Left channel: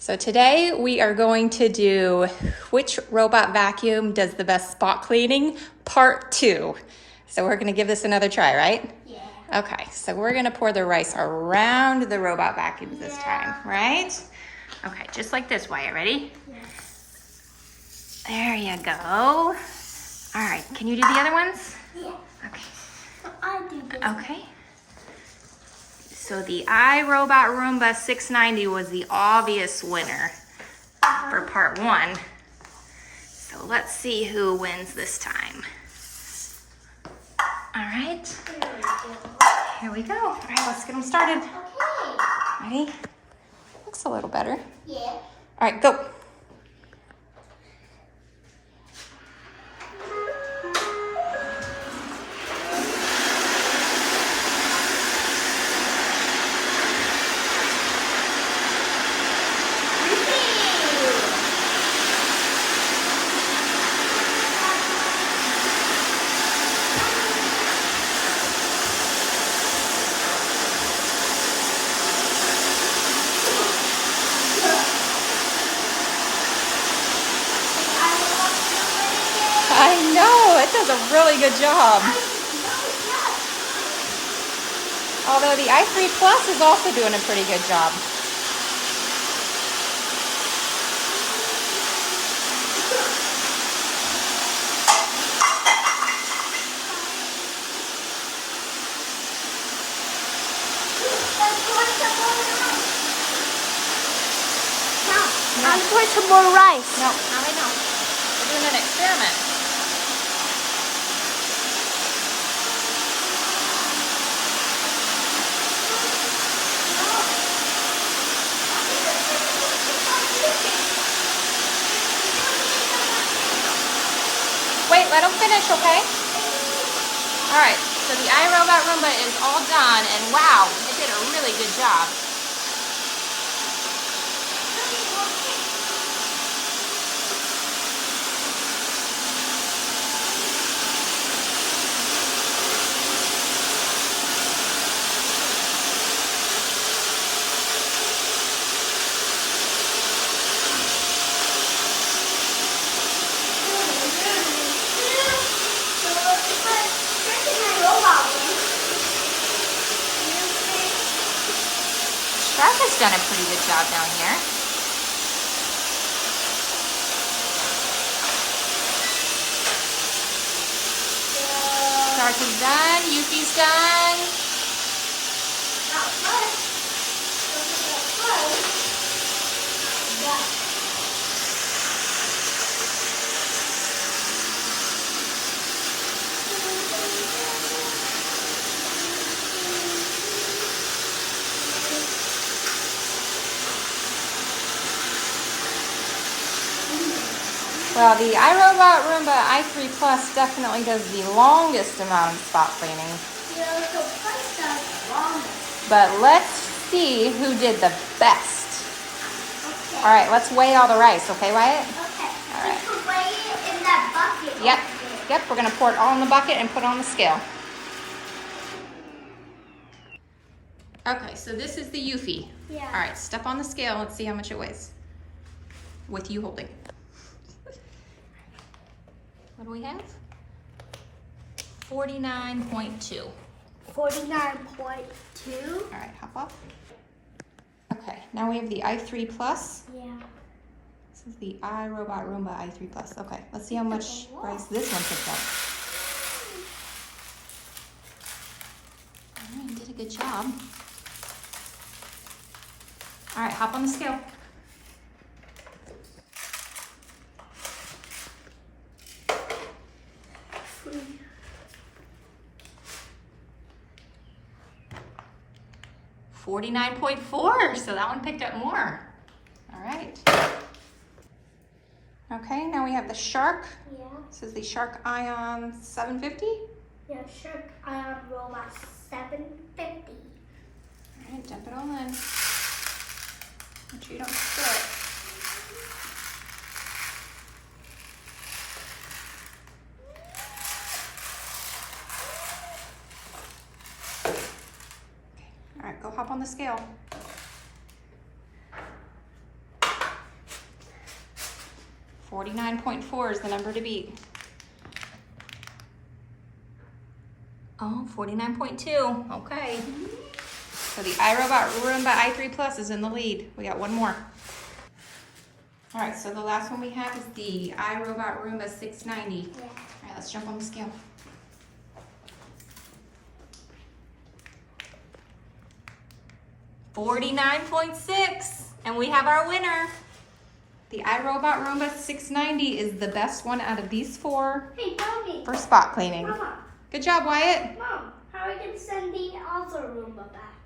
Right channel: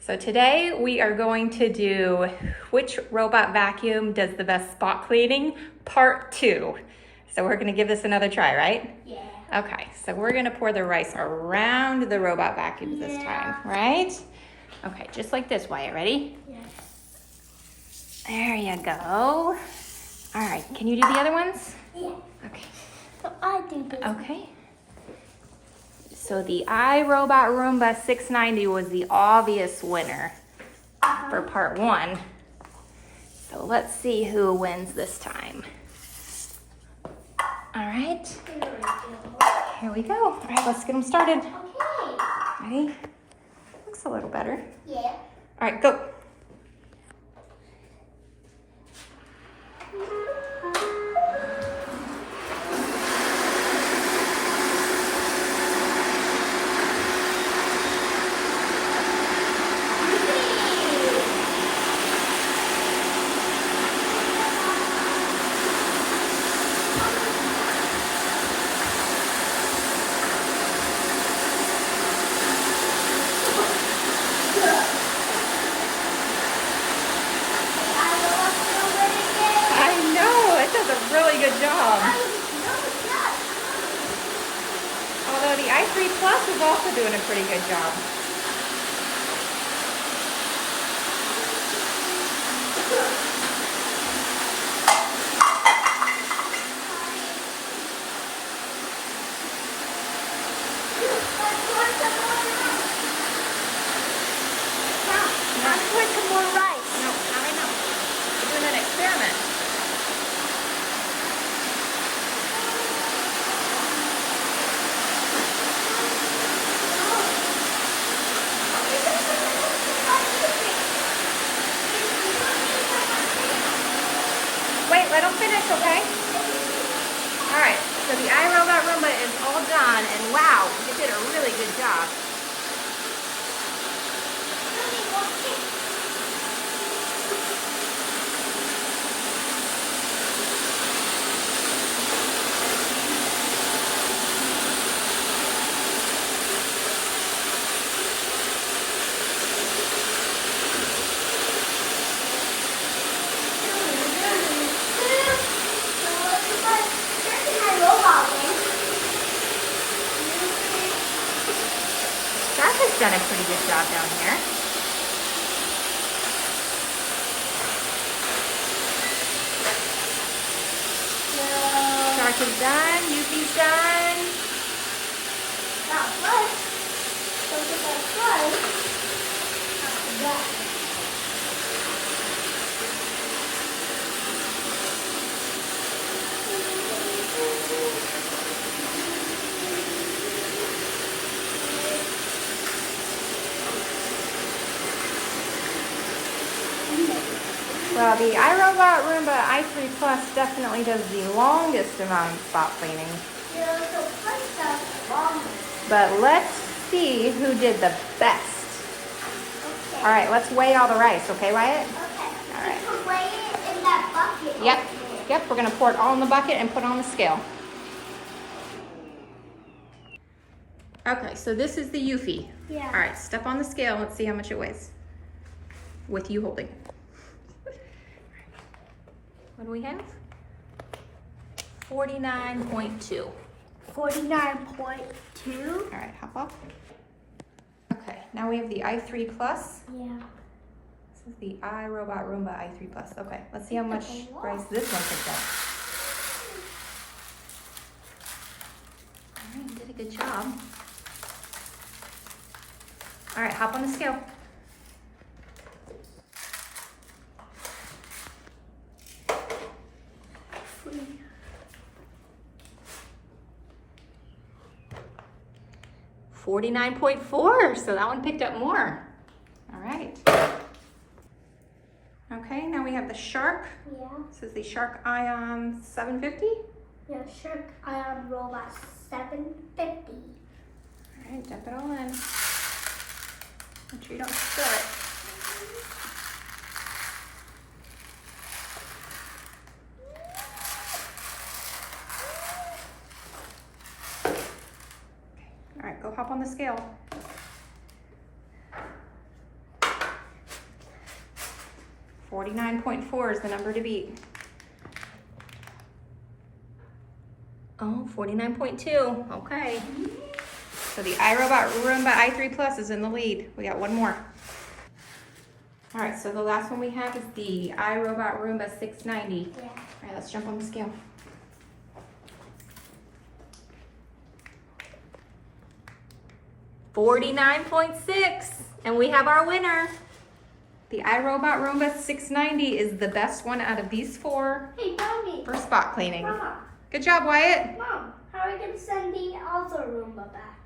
So today we are going to do which robot vacuum does the best spot cleaning, part 2. So we're gonna give this another try, right? Yeah. Okay, so we're gonna pour the rice around the robot vacuum this time, right? Okay, just like this, Wyatt, ready? Yes. There you go. All right, can you do the other ones? Yeah. Okay. So I do this. Okay. So the iRobot Roomba 690 was the obvious winner for part 1. So let's see who wins this time. All right, here we go. All right, let's get them started. Okay. Ready? Looks a little better. Yeah. All right, go. I know, it does a really good job. Although the i3 Plus is also doing a pretty good job. Now pour some more rice. No, probably not. We're doing an experiment. Wait, let them finish, okay? All right, so the iRobot Roomba is all done, and wow, it did a really good job. Shark has done a pretty good job down here. Shark is done, Yuki's done. Well, the iRobot Roomba i3 Plus definitely does the longest amount of spot cleaning. But let's see who did the best. All right, let's weigh all the rice, okay, Wyatt? Okay. All right. Let's weigh it in that bucket. Yep, yep, we're gonna pour it all in the bucket and put it on the scale. Okay, so this is the Yuffie. Yeah. All right, step on the scale, let's see how much it weighs. With you holding. What do we have? 49.2. 49.2. All right, hop off. Okay, now we have the i3 Plus. Yeah. This is the iRobot Roomba i3 Plus. Okay, let's see how much rice this one can get. You did a good job. All right, hop on the scale. $49.4, so that one picked up more. All right. Okay, now we have the Shark. Yeah. This is the Shark Ion 750. Yeah, Shark Ion Robot 750. All right, dump it all in. Make sure you don't spill it. All right, go hop on the scale. 49.4 is the number to beat. Oh, 49.2. Okay. So the iRobot Roomba i3 Plus is in the lead. We got one more. All right, so the last one we have is the iRobot Roomba 690. Yeah. All right, let's jump on the scale. $49.6, and we have our winner. The iRobot Roomba 690 is the best one out of these four Hey, Mommy. for spot cleaning. Mom. Good job, Wyatt. Mom, how are we going to send the other Roomba back?